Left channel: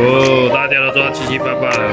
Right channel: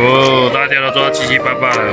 哦，大家都做到七七八八了。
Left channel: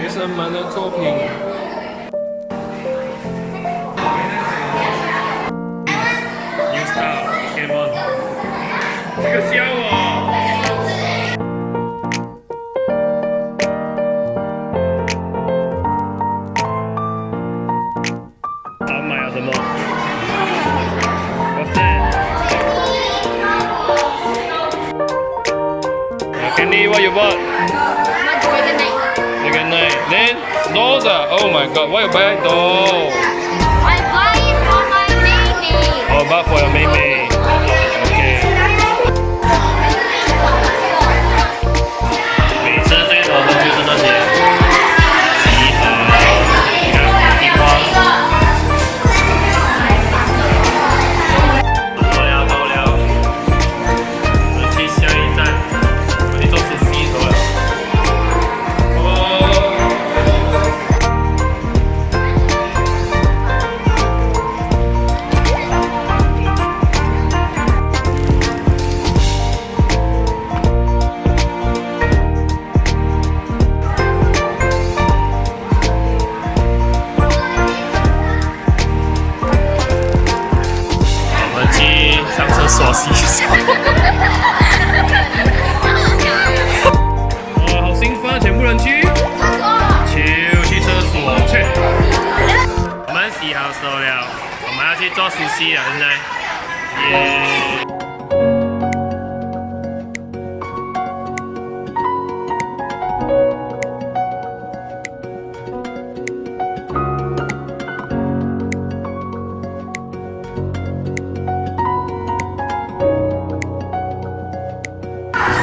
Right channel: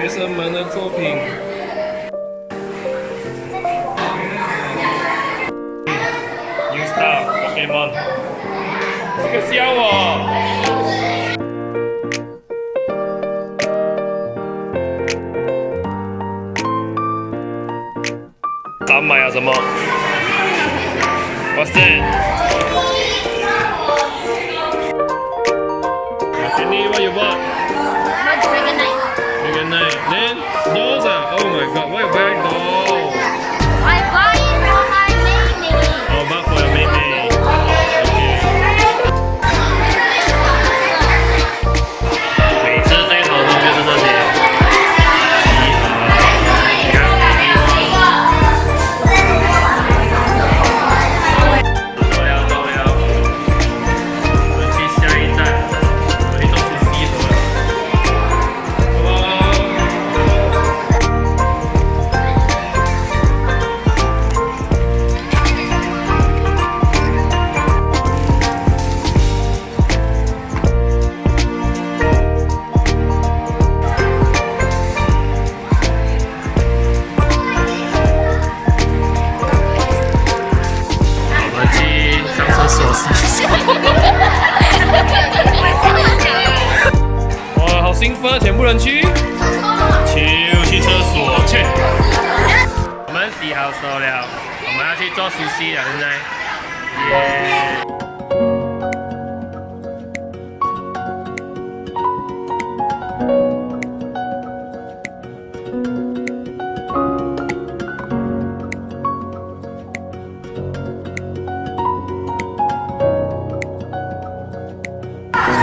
学生们的作品。New Star Pokemon， 这个笑我。咱买了什么 ？What's that? Kenny, what you bought? Then dolls ah. Oh my god, why you buy doll? I buy it for my baby. Oh, buy for your baby. Okay. 每次最头痛就是这些集合，你看地方。走了走了，我们去下一站，我们去做出西头了。上厕所洗手，哇，好兴奋，全部人去，去厕所去。我们洗好手了，我们要去做熟悉了，现在，耶！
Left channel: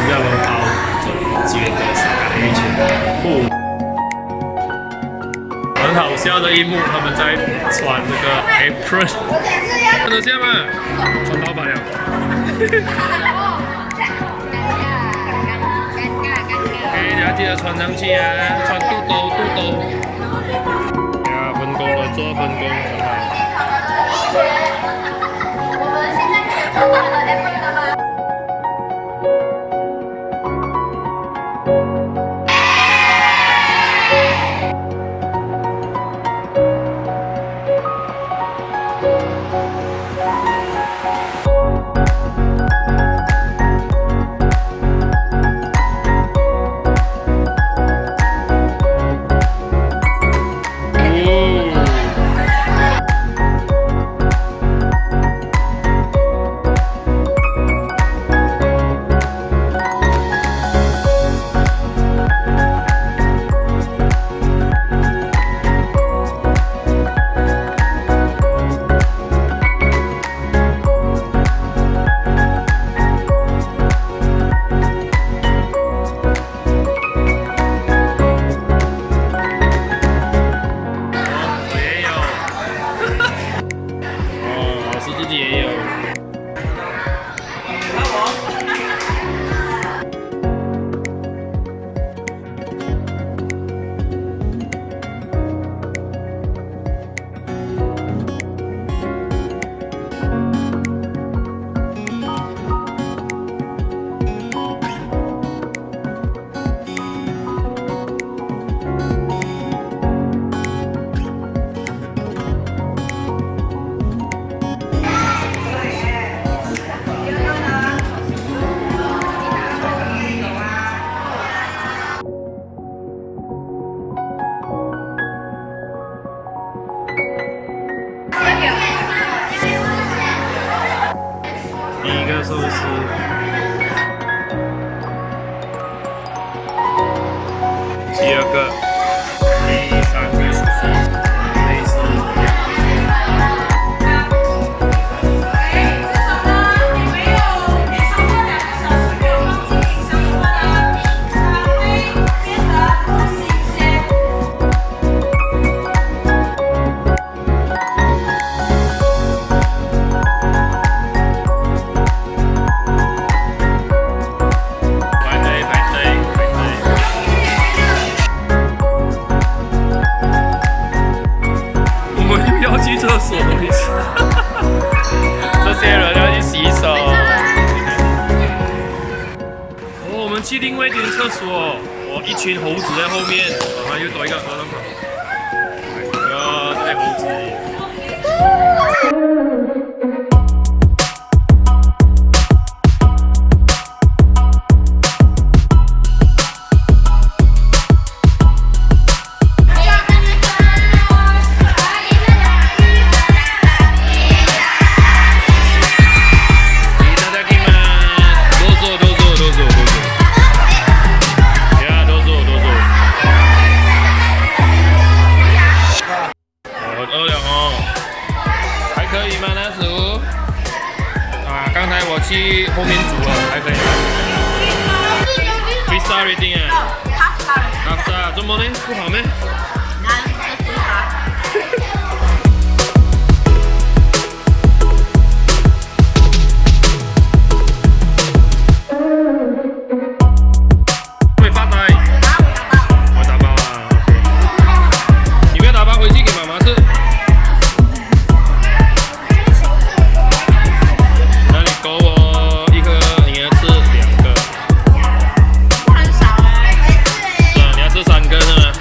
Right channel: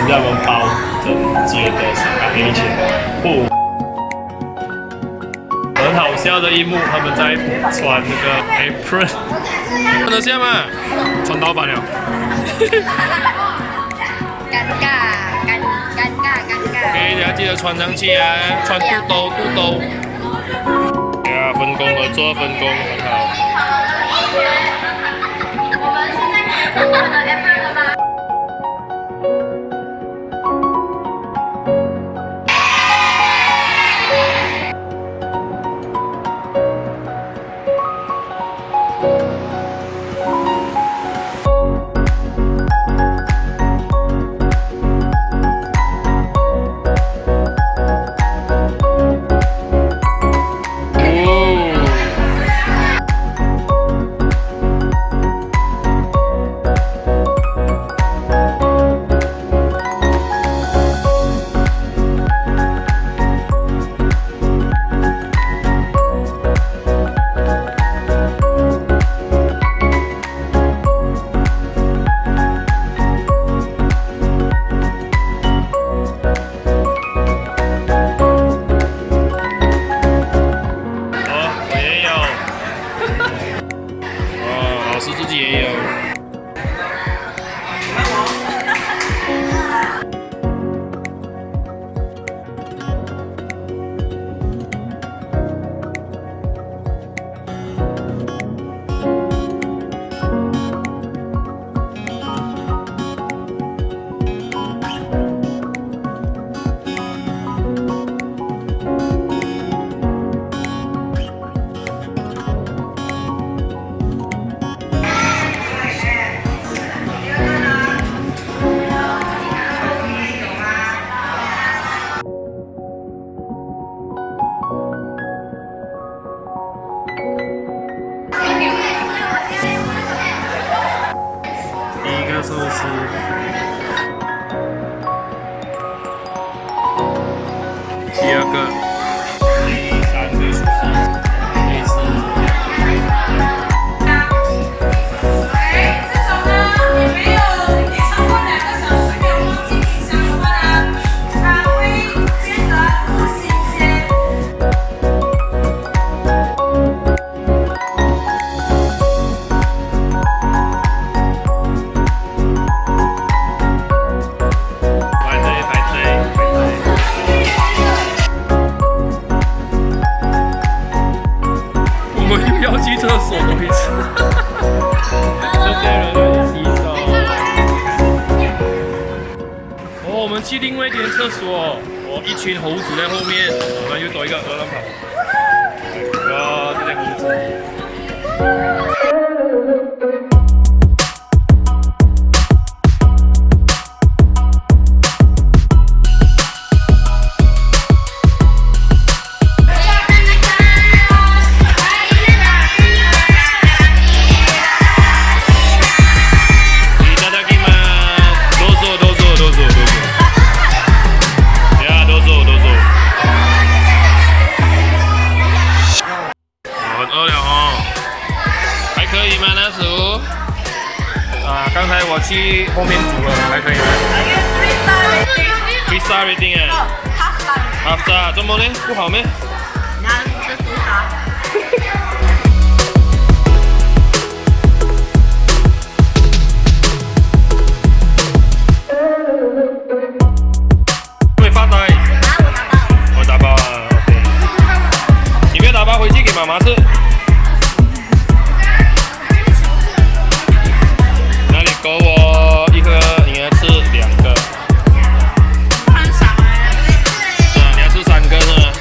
让我们包整街的沙卡黑钱不，很好笑的一幕，他们在穿那个 apron， 看得见吗？穿盗版了。OK， 大家记得穿上去啊，穿肚兜。呀，分工合作，分工很好。我们现在可以穿我们的 apron 了吗？自己也有。第一个寿司，第二个，第三个寿司，类似。这种呢，你没有超过2个小时没有放进冰箱的话呢，它会变得不新鲜。我们又要去厕所多一次，这些人要去洗手。哦，我们去另外一间厕所，哦，一群猴子在后面，然后又多一个鹅卵跑。哦，这些猴子。饿了哦，还可以吗？那食物啊，刚才我去后面煮了，还可以吗？3 star rating 啊，half star， 怎么呢？不好咩？没发呆。我打包啊 ，OK。你不要打包回去给妈妈吃。那你够我一个，你要吃2个。是啊，你要吃3个是吗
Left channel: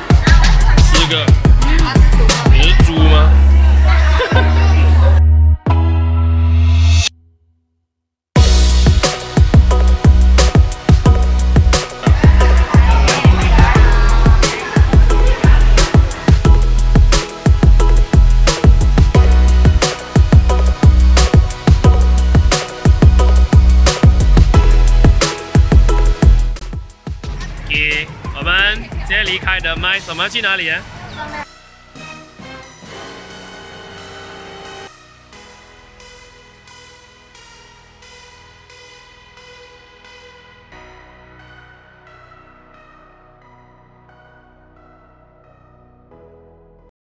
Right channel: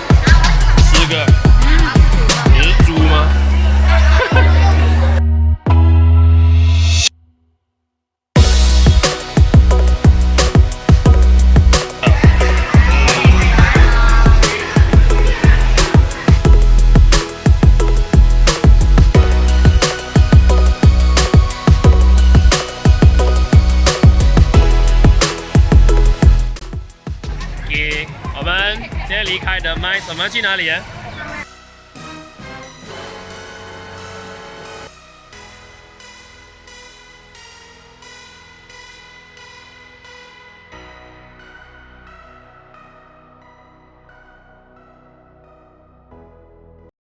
？4个。你是猪吗？我们现在离开的麦，我们要去哪里啊？